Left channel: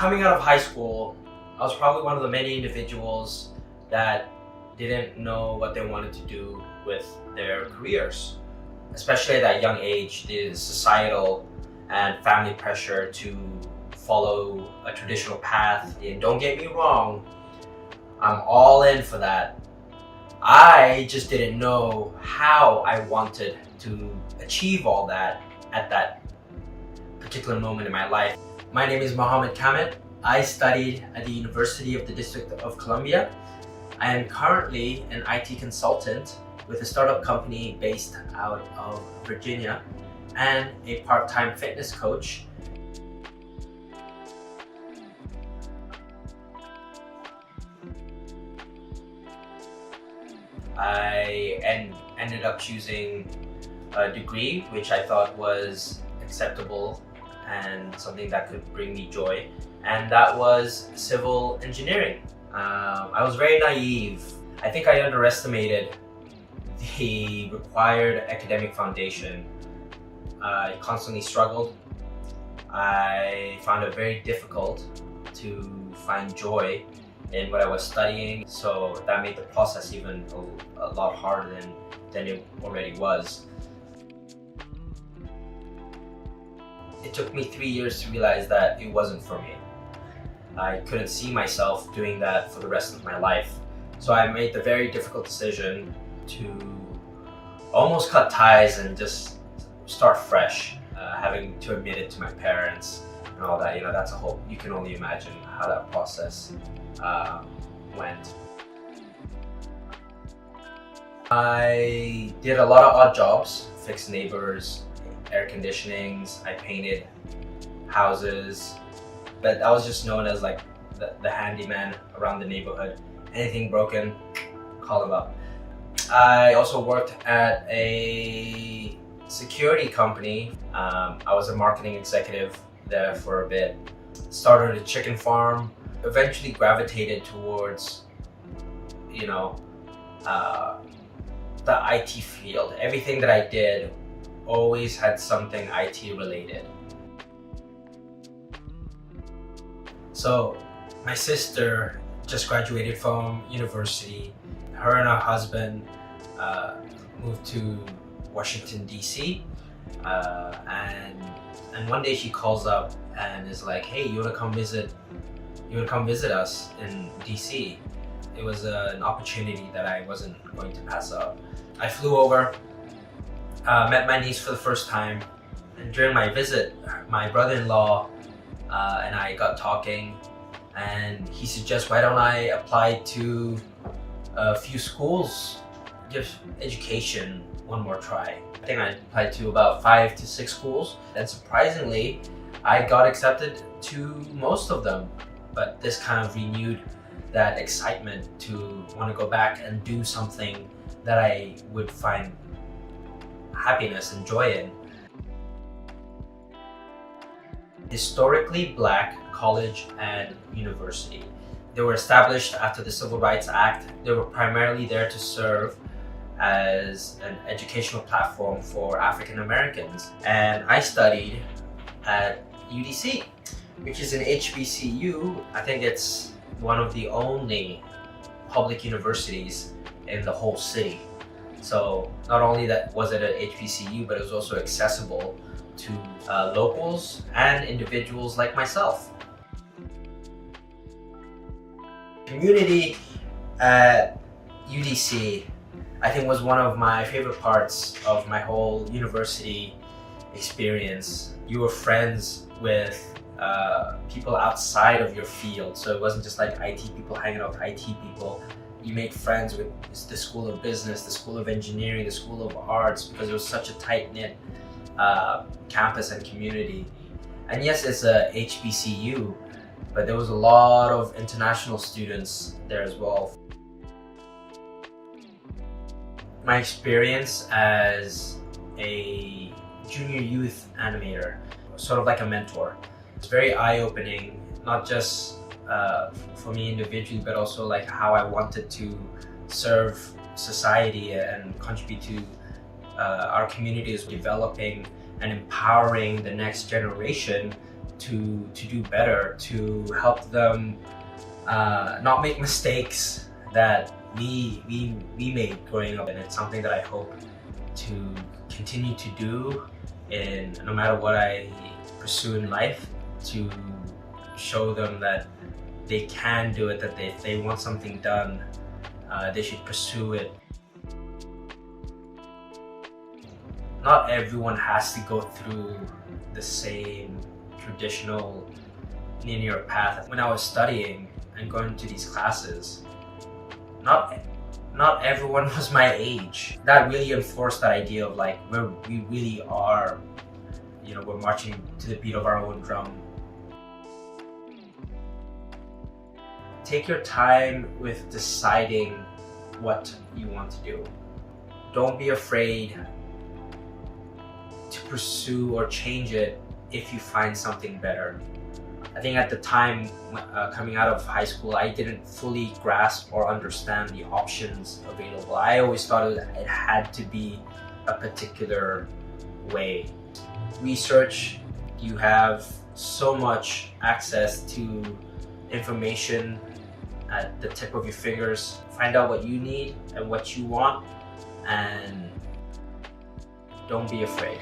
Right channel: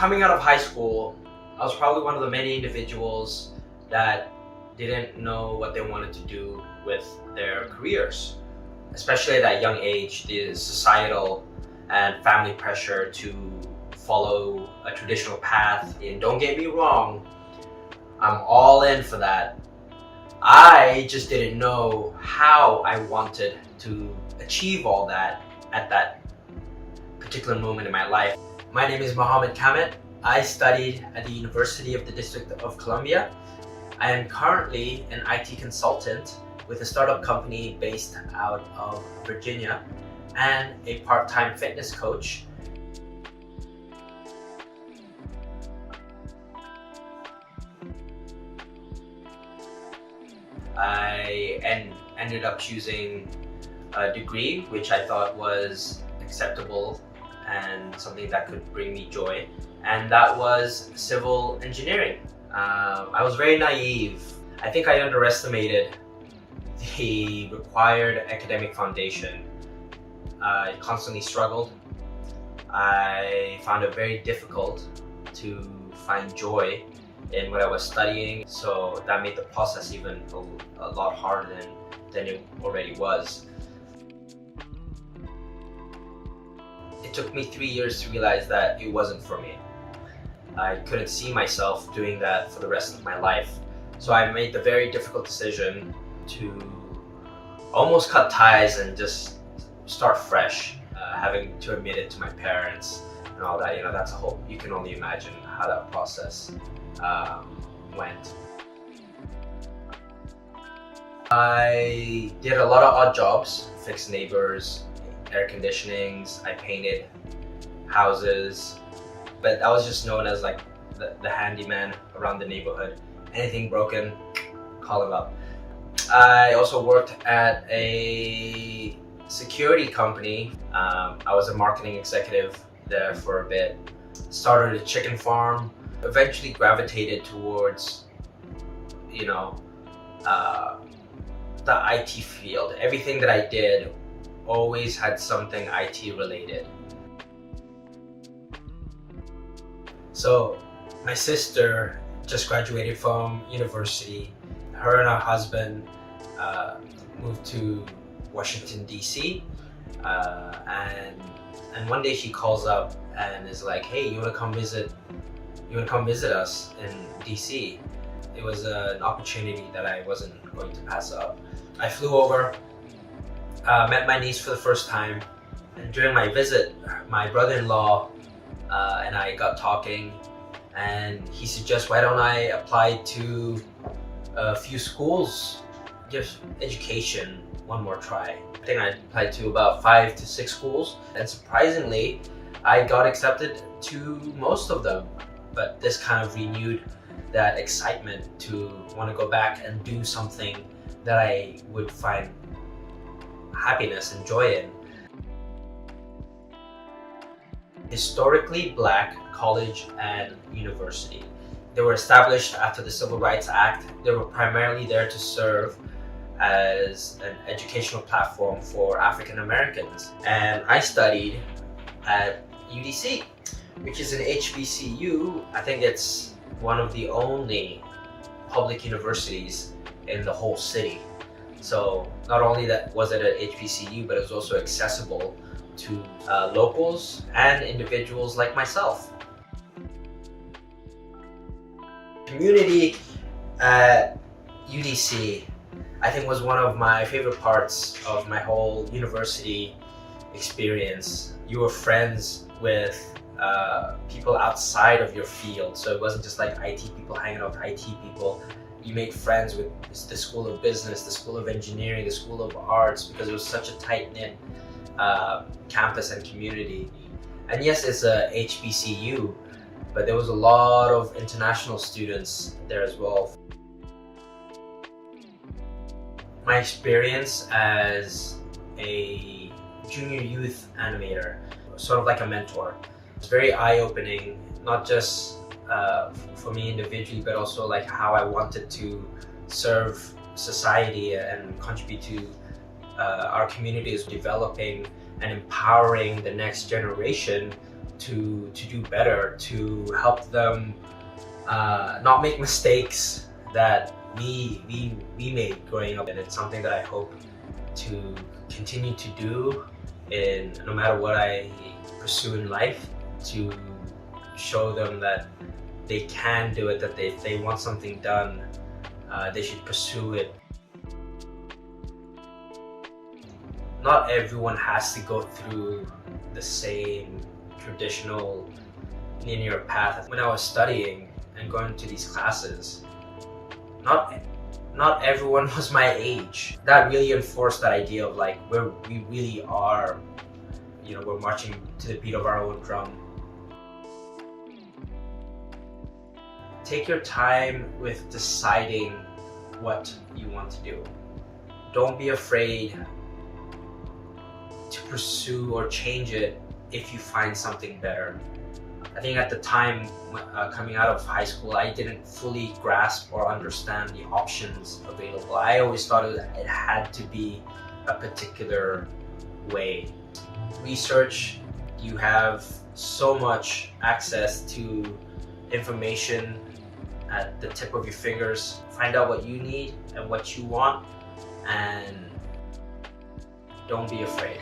Coming out of high school, I was probably one of the many individuals that didn't know what they wanted to do with their careers. Especially at that young age, the societal and family pressure to follow a traditional path. And don't get me wrong, I'm all in for that. I just didn't know how I wanted to achieve all that at that particular moment in my life. My name is Mo Kamit. I studied at the University of the District of Columbia. I am currently an IT consultant with a startup company based out of Virginia and a part-time fitness coach. I ended up choosing a degree which I thought was acceptable and something that could bring me joy, and that was civil engineering. I was very naive. I think I underestimated the required academic foundation. I constantly struggled. I found it very difficult to find joy in what I was studying, so that made the process even a lot harder than it already was. It took me 3 years to realize that it wasn't for me. I couldn't see myself doing that for the rest of my life. So I made the very difficult decision to almost cut ties and just start fresh, having to admit it to my parents and all that. That's a whole, you can only imagine how that process went. I did a lot of odd jobs, fixed neighbors, air conditionings, I painted houses, but I was just known as like the handyman around the neighborhood. Anything broken, call him up. I also worked at a security company. I was a marketing executive there for a bit. Started a chicken farm, eventually gravitated towards, the IT field. Everything that I did always had something IT related. So my sister just graduated from university. Her and her husband moved to Washington, D.C. And one day she calls up and is like, "Hey, you wanna come visit us in D.C.?" It was an opportunity that I wasn't going to pass up. I flew over, met my niece for the first time, and during my visit, my brother-in-law and I got talking, and he suggests, why don't I apply to a few schools, give education one more try. I think I applied to about 5 to 6 schools, and surprisingly, I got accepted to most of them. But this kind of renewed that excitement to want to go back and do something that I would find happiness and joy in. Historically Black college and university. They were established after the Civil Rights Act. They were primarily there to serve as an educational platform for African Americans. And I studied at UDC, which is an HBCU. I think it's one of the only public universities in the whole city. So not only that was it an HBCU, but it was also accessible to locals and individuals like myself. Community at UDC, I think, was one of my favorite parts of my whole university experience. You were friends with people outside of your field, so it wasn't just like IT people hanging out with IT people. You made friends with the School of Business, the School of Engineering, the School of Arts, because it was such a tight-knit campus and community. And yes, it's a HBCU, but there was a lot of international students there as well. My experience as a junior youth animator, sort of like a mentor, it's very eye-opening, not just for me individually, but also like how I wanted to serve society and contribute to our community is developing and empowering the next generation to do better, to help them not make mistakes that we made growing up. And it's something that I hope to continue to do in no matter what I pursue in life, to show them that they can do it, that if they want something done, they should pursue it. Not everyone has to go through the same traditional linear path. When I was studying and going to these classes, not everyone was my age. That really enforced that idea of like where we really are, we're marching to the beat of our own drum. Take your time with deciding what you want to do. Don't be afraid to pursue or change it if you find something better. I think at the time, coming out of high school, I didn't fully grasp or understand the options available. I always thought it had to be a particular way. Research, you have so much access to information at the tip of your fingers. Find out what you need and what you want, and don't be afraid.